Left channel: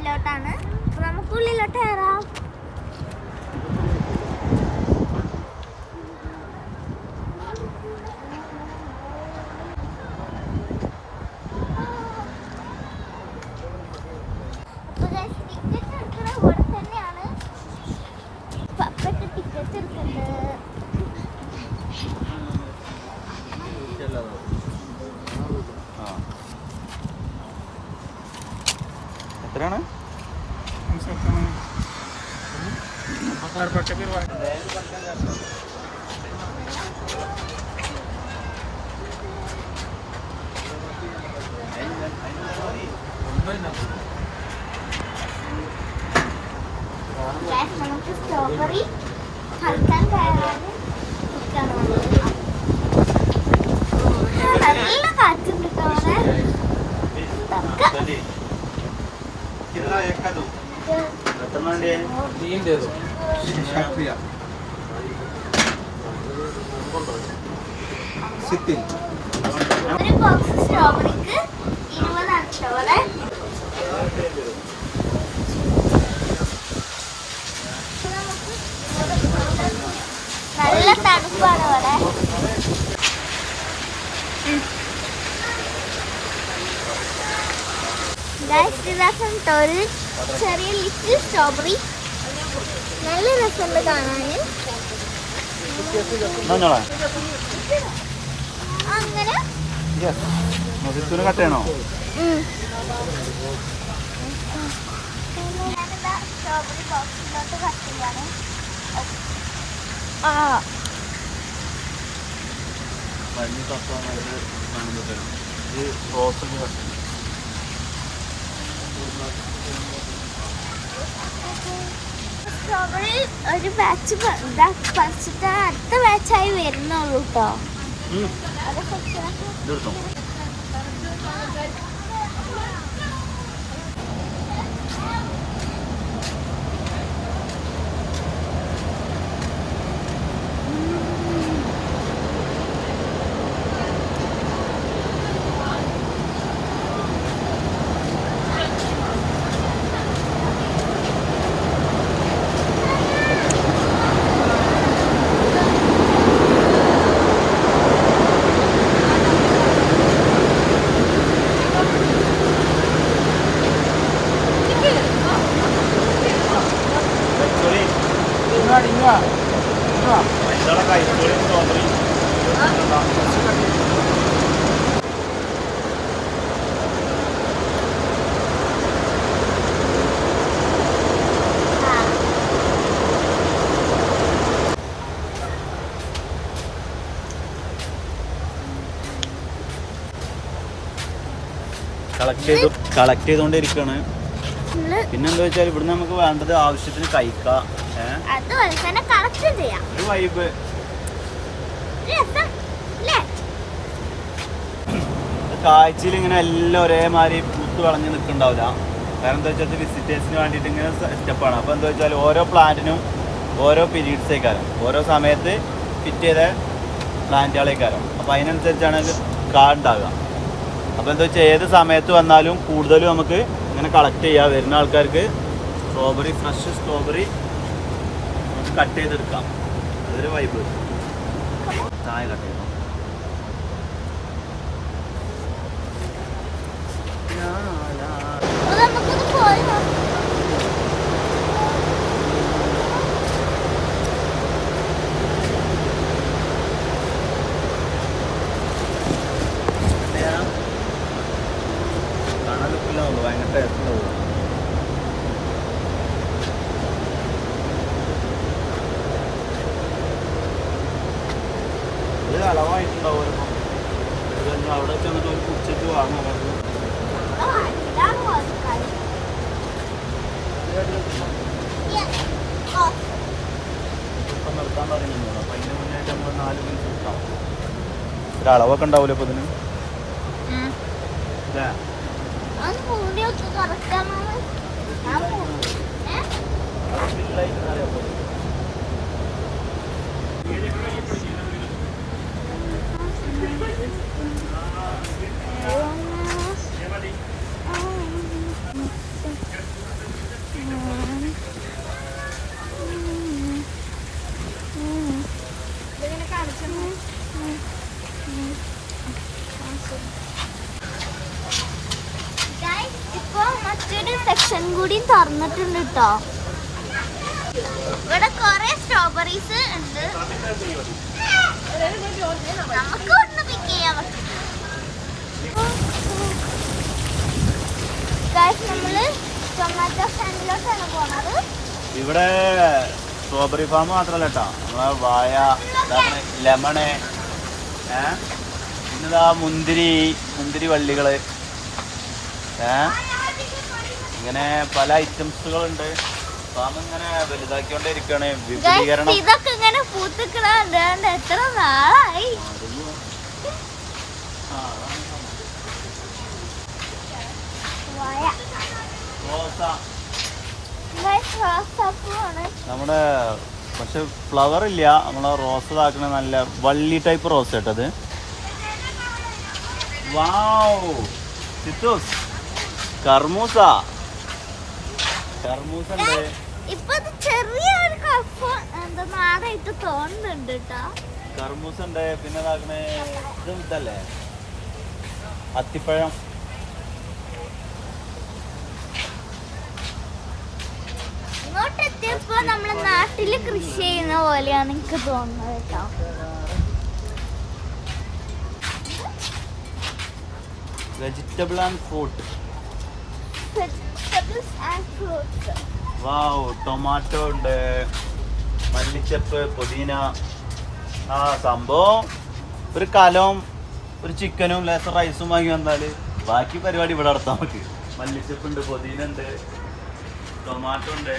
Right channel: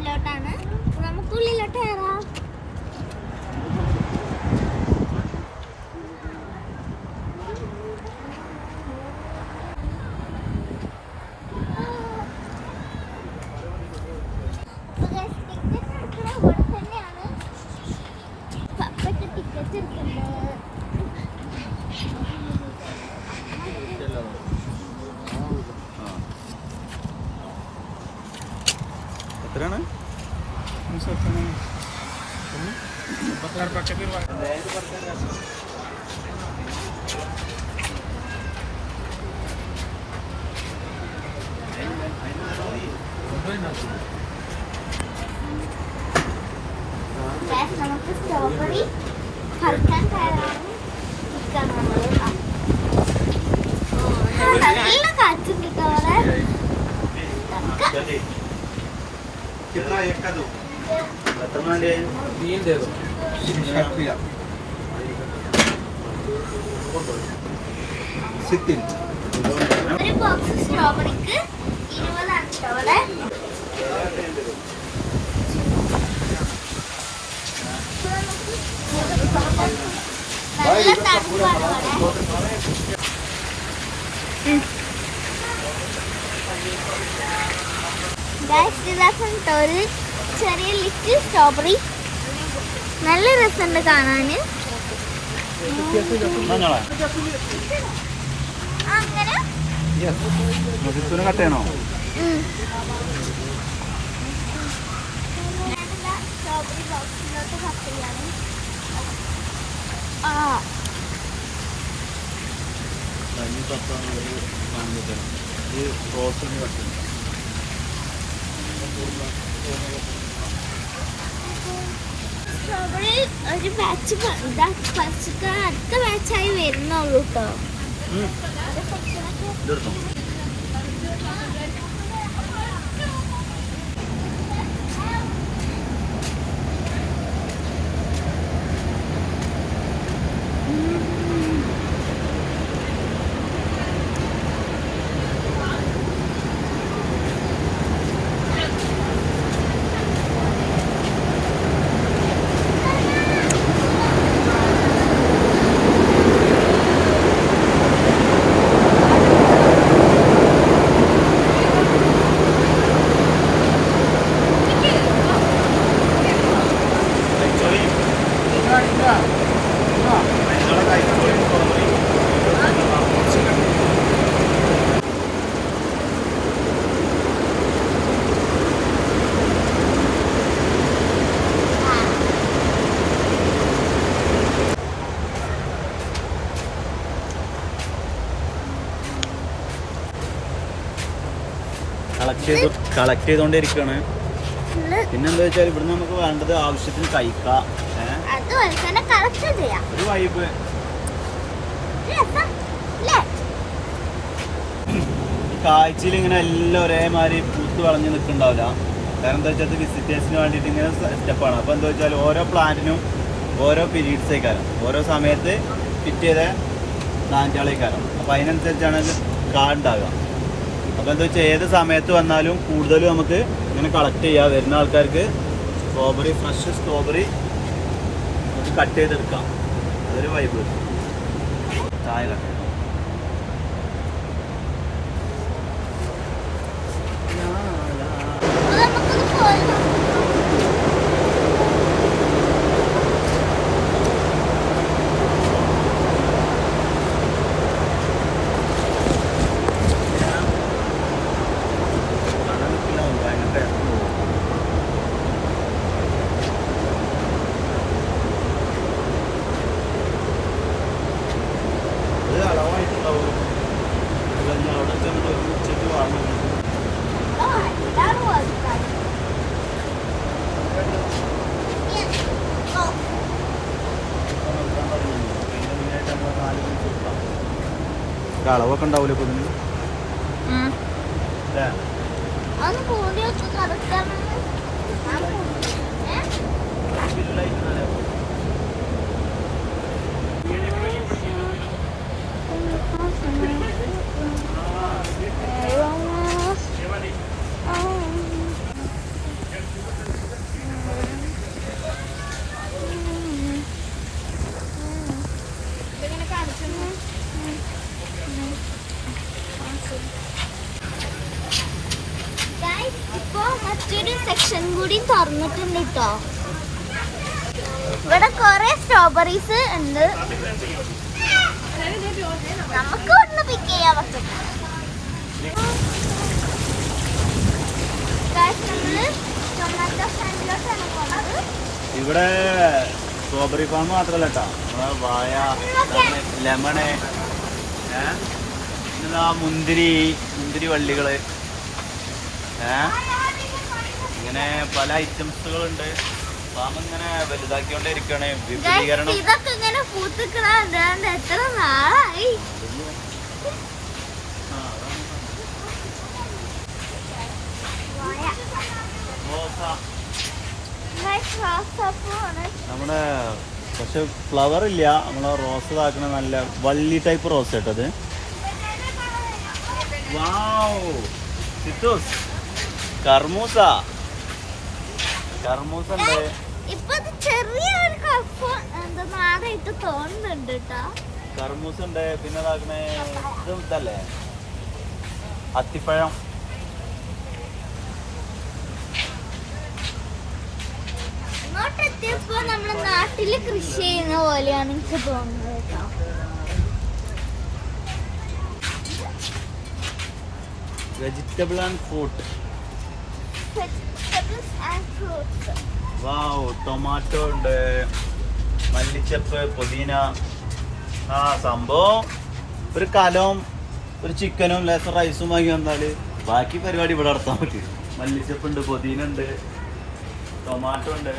ഗാർഡനിലോട്ടാണ്. നമുക്ക് ഉള്ളിലോട്ട് കയറാം. ടിക്കറ്റ് എടുക്കുന്ന ഇവിടെ തന്നെയാണ്. പപ്പയ്ക്ക് ടിക്കറ്റ് എടുക്കണ്ട്. എത്രയാണ്? നമുക്ക് സ്ട്രോബെറി കളിക്കാൻ തയ്യാറാണ്. നല്ല കാറ്റുണ്ട് കേട്ടോ അവിടെ. ഒരു ബോക്സ് സ്ട്രോബെറിക്ക് 20 അവിടെ. നല്ല തണുപ്പാണ് അവിടെ. ഒരു ചെറിയ ലിറ്റിൽ സ്ട്രോബെറി. നല്ല രസമുണ്ട് കാണാന്. അങ്ങനെ കട്ടയാണോ? ഞാനെന്താ സ്ട്രോബെറി ബോക്സിലോട്ട് കട്ട് ചെയ്യാണ്. സ്ട്രോബെറി ഒരു ബാച്ച് പറിച്ചിട്ട് അടുത്ത ബാച്ചായി വരുന്നുള്ളൂ കേട്ടോ. കളക്ട് ചെയ്തോണ്ടിരിക്കാണ്. പിന്നെന്താ വെച്ചാൽ ഇവിടുന്ന് നമുക്ക് വേണ്ടത് ആവശ്യത്തിന് കഴിക്കാം. ഒരു വൈബ്. കാഴ്ചയിൽ ഇങ്ങനെ എല്ലാം ഒരേമാതിരി പൂത്ത് വളഞ്ഞ് നിൽക്കുന്നുണ്ടാവില്ല. കാരണം എന്താ വെച്ചാൽ വിസിറ്റേഴ്സിന് വേണ്ടിയിട്ട് ഇങ്ങനെ സ്റ്റെപ്പാണ്. അപ്പോൾ എന്താ വെച്ചാൽ ഓരോ പ്ലാന്റിനും ഓരോ പീരീഡ്സ് ആയിക്കാരം, ഓരോ സമയത്ത് ഫിറ്റ് ചെയ്ത പ്ലാന്റുകളേക്കാരം. അപ്പോൾ അതിനനുസരിച്ചാണ് കാർഡുണ്ടാവുക. അപ്പോൾ എന്താ വെച്ചാൽ ഏത് സമയത്ത് വന്നാലും കൂടുതലും നമുക്ക് ഇങ്ങനെ കളക്ട് ചെയ്യാം. വരുന്ന ആൾക്കാർക്ക് സ്ട്രോബെറി, ഫ്രഷ് സ്ട്രോബെറി നമുക്ക് കട്ട് ചെയ്തെടുക്കാം. അതൊരു വൈബ്. ചായ കട്ട് ചെയ്തോ. ഇത് അളവായിട്ടുണ്ടാവുമല്ലോ. ഇതെല്ലാം അവിടെ ചെന്നിട്ട് ഒരു ഉച്ചയ്ക്ക് വാങ്ങണം. അളവൊക്കെ ഉണ്ടാവില്ല ഇപ്പൊ ഇതിന്. കൂടി തുറന്നിട്ടുണ്ട് കേട്ടോ. ഇവിടെ കൊറേ സ്ട്രോബെറീസ് ഉണ്ട്, നമുക്ക് ഒന്ന് പിക്ക് ചെയ്യാൻ പറ്റും. ടൊമാറ്റോ സ്റ്റാൻഡിലോട്ടാണ് പോകുന്നത്. ഇവിടെ സ്ട്രോബെറി ഫാം മാത്രല്ല കേട്ടോ, നമ്മളെ വാഴ, ലെമണ്, മുന്തിരി വള്ളികള്, ഇങ്ങനെ പല ഐറ്റംസുകളുണ്ട്. ഫാം ഇങ്ങനെ വലുതാക്കിക്കൊണ്ടിരിക്കുകയാണ്. വിപുലീകരണം ഇതൊക്കെ ഇങ്ങനെ പൂത്തിക്കണ എത്ര നാളായി. നമ്മുടെ പക്ഷെ ഫ്ലവർ ഇല്ല. നമ്മളെ റോസ് ഇതാക്കണ നല്ല വള്ളി ടൈപ്പ് റോസ് കേട്ടത്. വാവ്, സിറ്റോസ്, കർമൂസ ഉണ്ട്. ഇപ്പൊ ചെറിയൊരു കപ്പ് എന്താ നാടായിട്ട് തോന്നുന്നുണ്ട് കേട്ടോ. കർമൂസ ഉണ്ട്. പിന്നെ ഇതാക്കണേ ഇതല്ലേ അത്തിപ്പഴം. ഇങ്ങോട്ടെത്തിയപ്പോ നമ്മുടെ നാട്ടില് കൃഷി ചെയ്യുന്ന പോലെയാണ് എനിക്ക് തോന്നുന്നത് കേട്ടോ. Vegetable and fruit. Wow, tomato ഉണ്ട്, മല്ലിച്ചപ്പ്, പുതിന. സംഭവം ഒരു കലവും ഒരു ചിക്കനും ലേസർ റൈസും വാങ്ങി വന്നാല് ബാക്കി പരിപാടി ഇവിടെ നടത്താൻ പറ്റും. മല്ലിച്ചപ്പ് ഉണ്ട്, പുതിന ഉണ്ട്, ടൊമാറ്റോ ഉണ്ട്.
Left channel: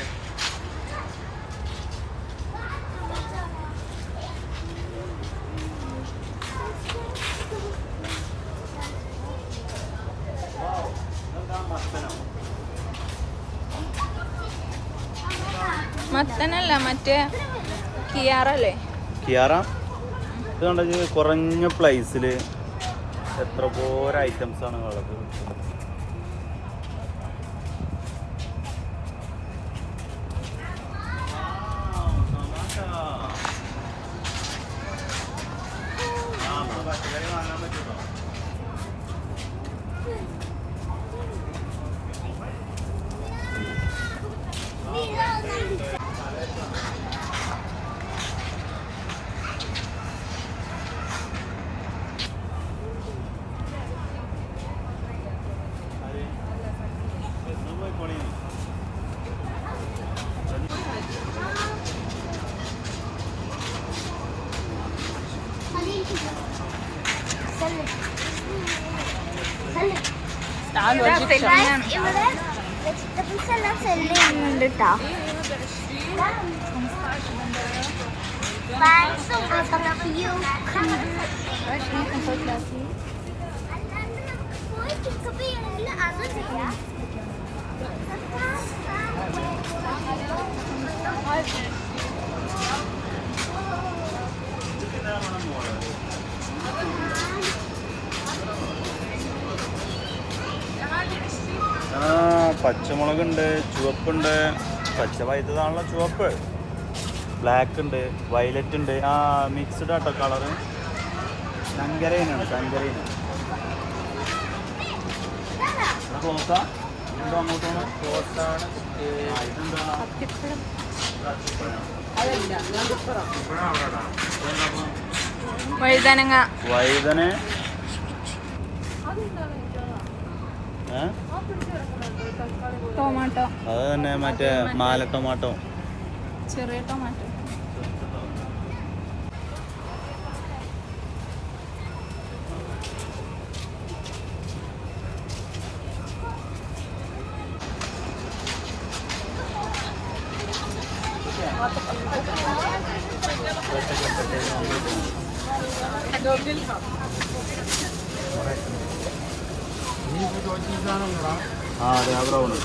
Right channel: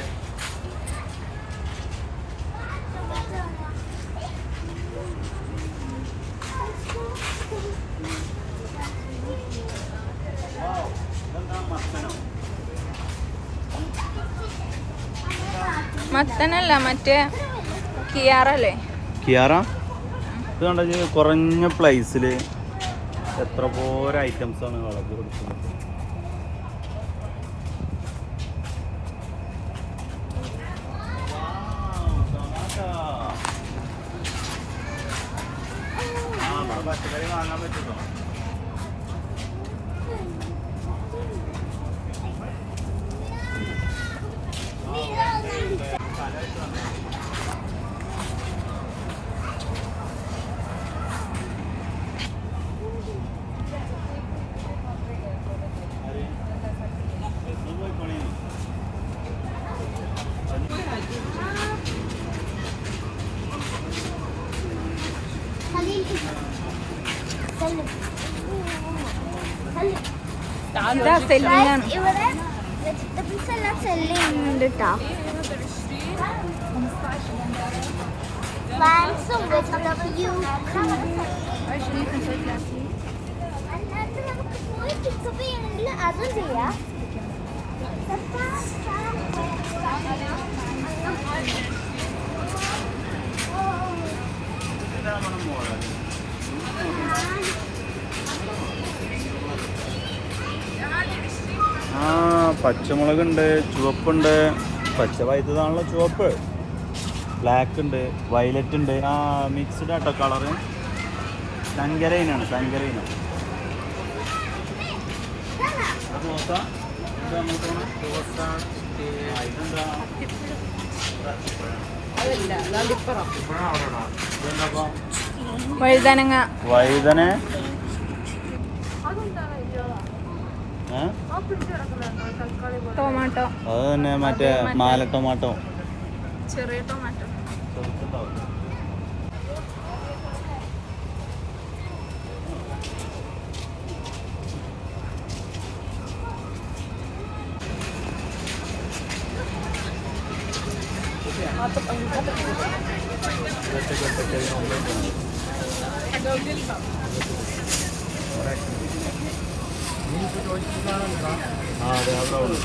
മത്തനല്ല, മറ്റേ കിയാറല്ലേ? കിയാറ. ഇത് കണ്ടത് കുറഞ്ഞ പ്ലേസില് എത്ര പോലെ ഐറ്റംസ് ആണ് കളഞ്ഞത്. സെല്ലിങ്ങാണ്. ഇവിടെ വെജിറ്റബിൾസ് എല്ലാം സെല്ല് ചെയ്യുന്നുണ്ട് കേട്ടോ. പ്ലാന്റ്സും അതും ചെയ്യാം. പച്ചമുളകുണ്ട്, ചുവപ്പുണ്ട്. പച്ച വൈദ്യുതാണല്ലോ ചുവപ്പ്. ബ്ലാക്ക് ഉണ്ട്, വയലറ്റ് ഉണ്ട്. മിക്സ്ഡ് ആട്ടോ കളറ്. സങ്കരയിനാണ്, സങ്കരയിന. വഴുതനങ്ങ. വഴുതന. ടൊമാറ്റോ. അത് തന്നെ, മറ്റേ മാല ടൊമാറ്റോ. ചെറിയ ടൊമാറ്റോ. അതെ, ബ്രൗണ്.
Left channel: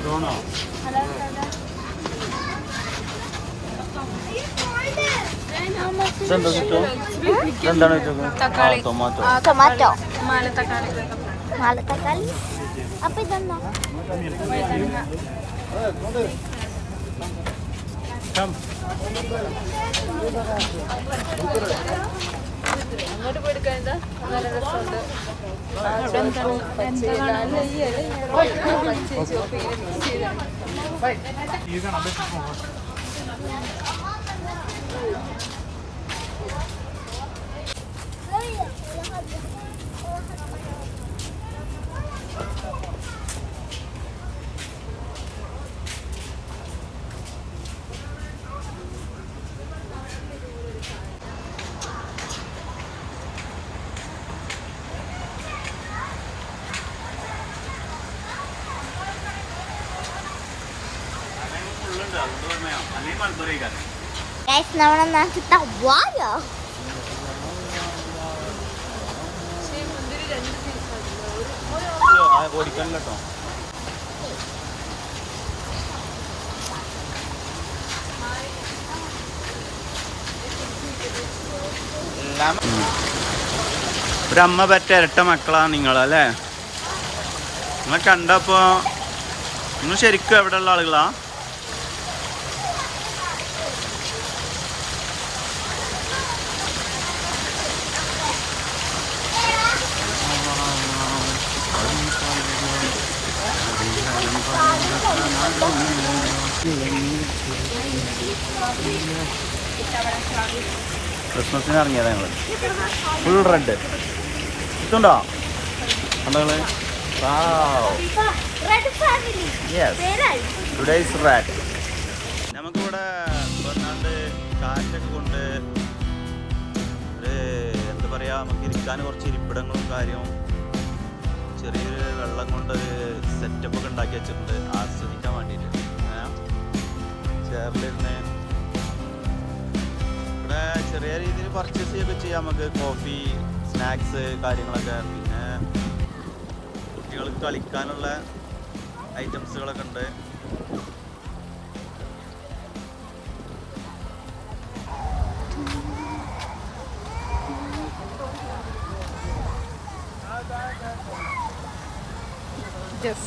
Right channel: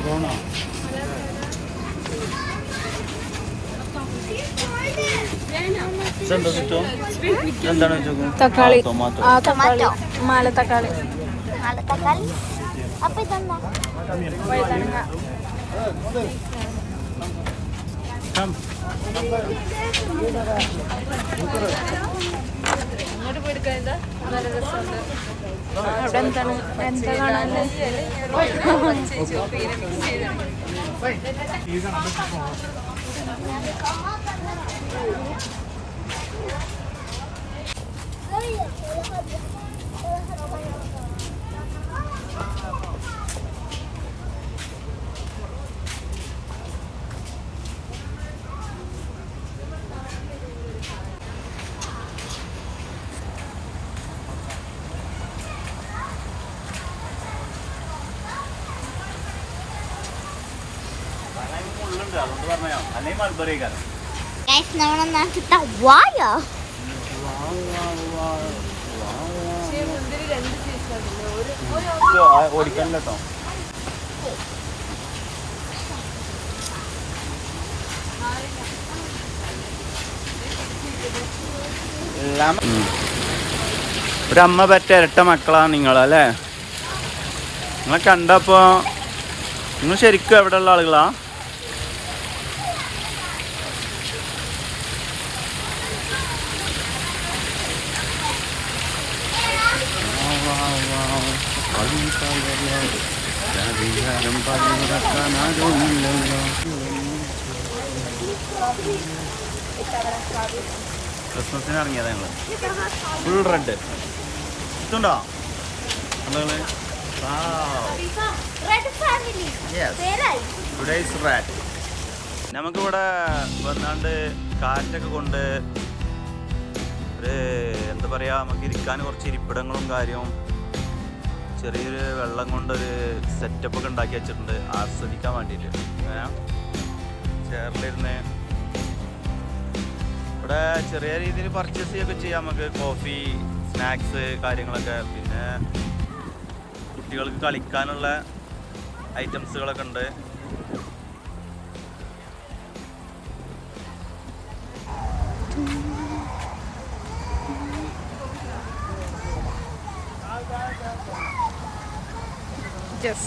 ബ്രൗണോ? എന്താണ് തക്കാളി. ടൊമാറ്റോ. ടൊമാറ്റോ. മാല തക്കാളി. തക്കാളി. അപ്പൊ ഇതെന്താ? വഴുതനങ്ങ. ഇങ്ങോട്ട് പോയിട്ട് കഴിഞ്ഞാൽ നല്ല രസമുണ്ട്. അവിടെ എന്താണ് എന്താ കാണാന്? അല്ലെങ്കിൽ മൾബറി കാലം ഗൈസ് നമ്മുടെ നാട്ടിലത്തെ വാഴ ഓടിക്കാനല്ലോ കേട്ടോ. ഒരു അമ്മ പറ്റ ഇരട്ട മക്കളാ നിങ്ങളല്ലേ? നിങ്ങളെ കണ്ടപ്പോ നിങ്ങൾ ശരിക്കും എവിടെ ഉള്ള ആളുകളാ? ക്രിസ്മസിന് ഇറങ്ങിയതാ ഞങ്ങള്. ഫുൾ റെഡ് ഇതുണ്ടോ കണ്ടോ? Today's red. നമുക്കിവിടെ വന്നാണ്ട് കാറ്റൊക്കെ കൊണ്ട് ഒരു എന്താ പറയാ, നമുക്ക് ഇരിക്കാൻ കുറച്ച് ഇരിപ്പിടങ്ങളും കാര്യവും ചെറിയൊരു വെള്ളം കൊണ്ടൊരു സെറ്റപ്പ് ഒക്കെ ഉണ്ടാക്കി വെച്ചിട്ടുണ്ട് ആസ്വദിക്കാൻ വേണ്ടിയിട്ട്. ചേറിലിരുന്ന് ഇവിടെ ചെറിയ രീതിയിൽ പർച്ചേസ് ചെയ്യൊക്കെ ചെയ്യാം നമുക്ക്. കോഫി, സ്നാക്സ് കാര്യങ്ങളൊക്കെ, പിന്നെ കുട്ടികൾക്ക് കളിക്കാനുള്ള ഐറ്റംസുകളൊക്കെ ഉണ്ട്. Yes.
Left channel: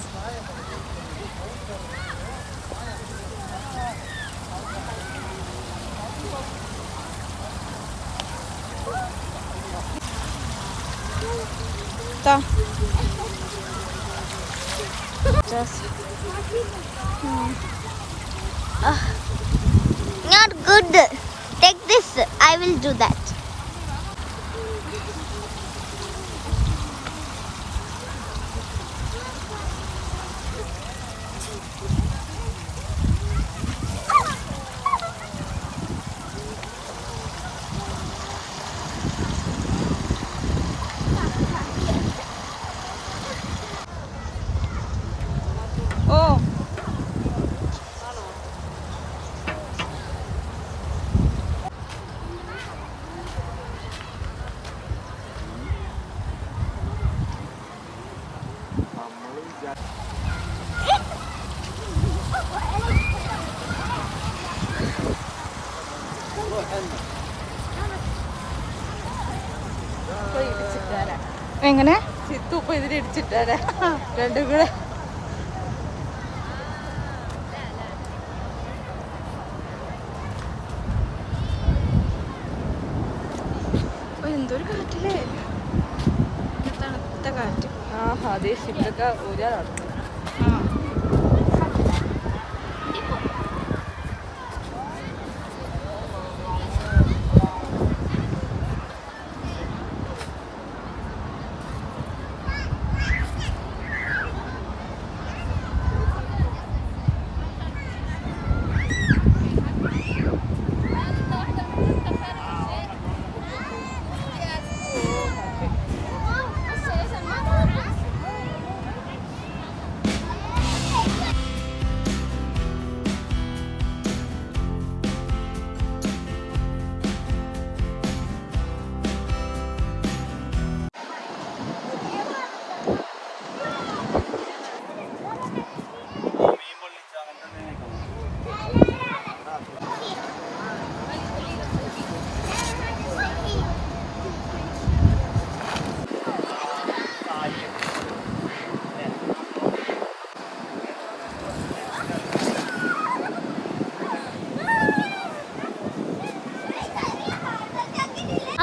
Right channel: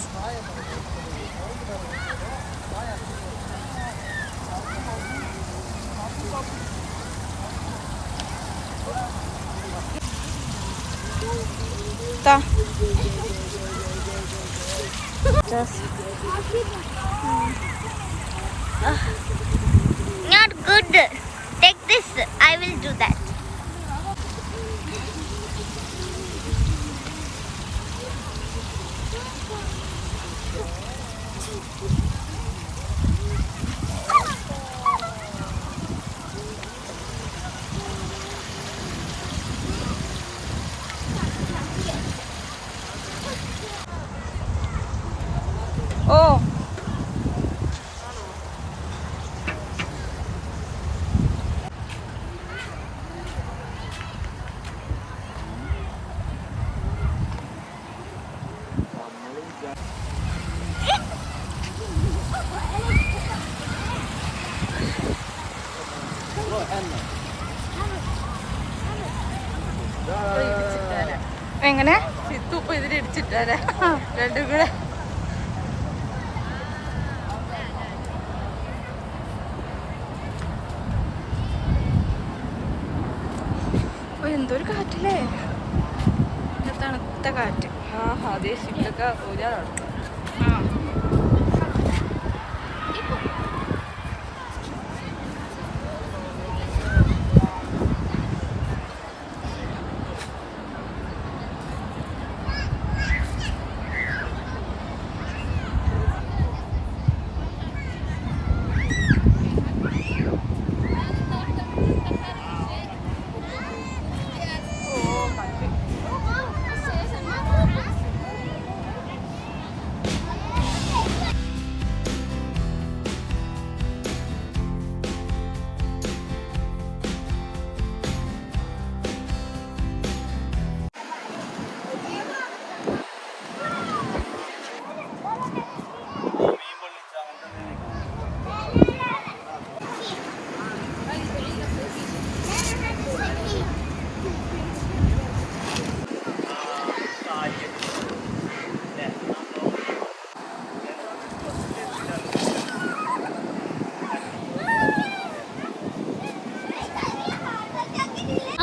Ta. Just. Not good. Take this. I will do that. Oh. എങ്ങനെ രണ്ടും കൂടെ എന്തൊരു കാറ്റില്ലേ, തണുത്ത കാറ്റ്. അതേ ശിവൊക്കെ ആ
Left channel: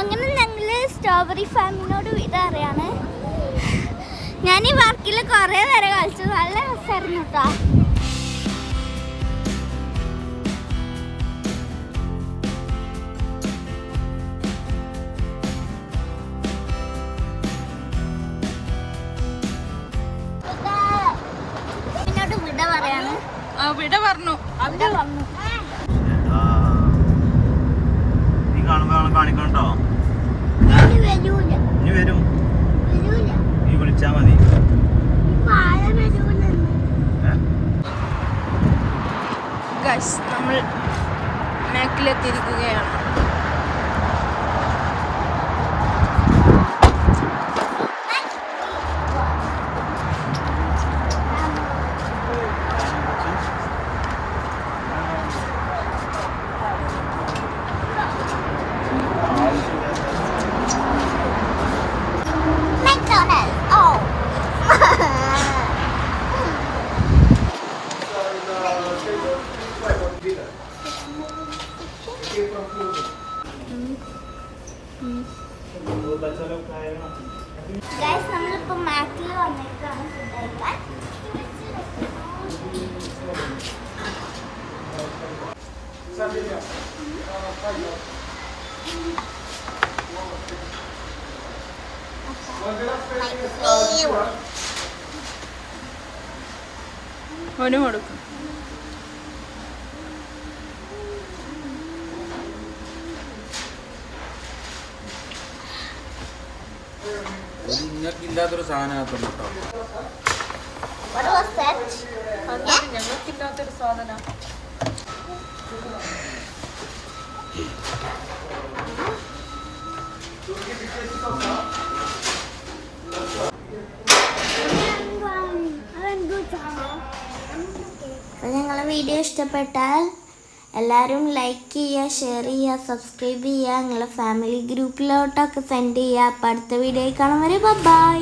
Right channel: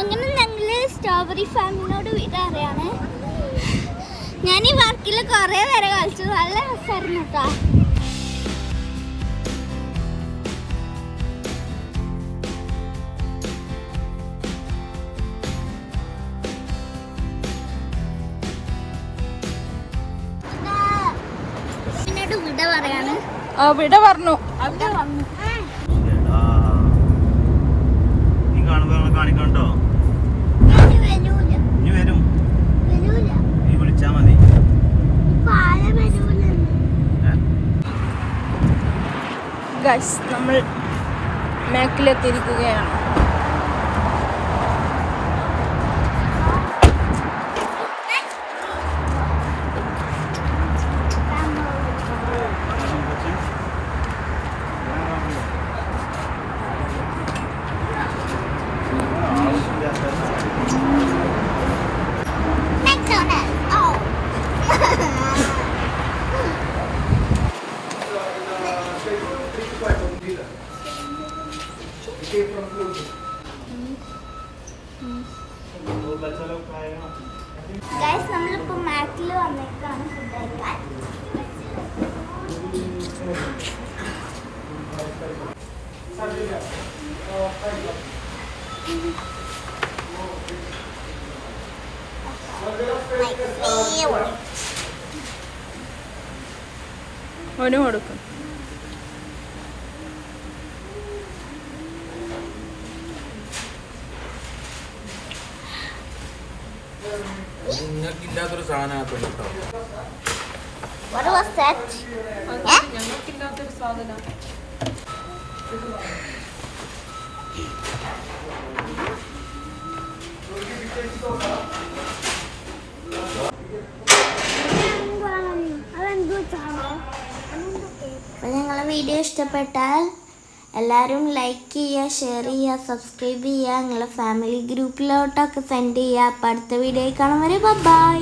അങ്ങനെ ഞങ്ങള് സ്ട്രോബെറി ഫാമിനോട് വിട അറിയാണ്. ഞാൻ ഈ പാർക്കിൽ കുറേ നേരം കളിച്ചു, നല്ല രസമായിരുന്നു കേട്ടോ. എന്നോട് വിട പറയാണ്. വിട പറഞ്ഞു. നീ കാണുമ്പോ കാണിക്കണ്ടോ? നീ വരും, നീ വിളിച്ചാ മതി. ഗൈസ്, നമ്മൾ മാക്കിലെത്തിയിരിക്കുകയാണ്. ഗൈസ്, നമ്മളിപ്പോ മാക്കിൽ വന്നേക്കാണ് ഫുഡ് കഴിക്കാൻ. ഓന് കൊടുക്കും. ഇല്ലാത്തൊരു സാധനം അപ്പോൾ നിങ്ങളെ വീഡിയോ ഇഷ്ടപ്പെട്ടാൽ എല്ലാവരും ലൈക്ക് ചെയ്യുക, ഷെയർ ചെയ്യുക, സബ്സ്ക്രൈബ് ചെയ്യുക, നിങ്ങളെ ഫാമിലി ഗ്രൂപ്പിലോട്ടൊക്കെ സെൻഡ് ചെയ്യുക. അപ്പോൾ അടുത്ത വീഡിയോയിൽ കാണും വരെ ബൈ.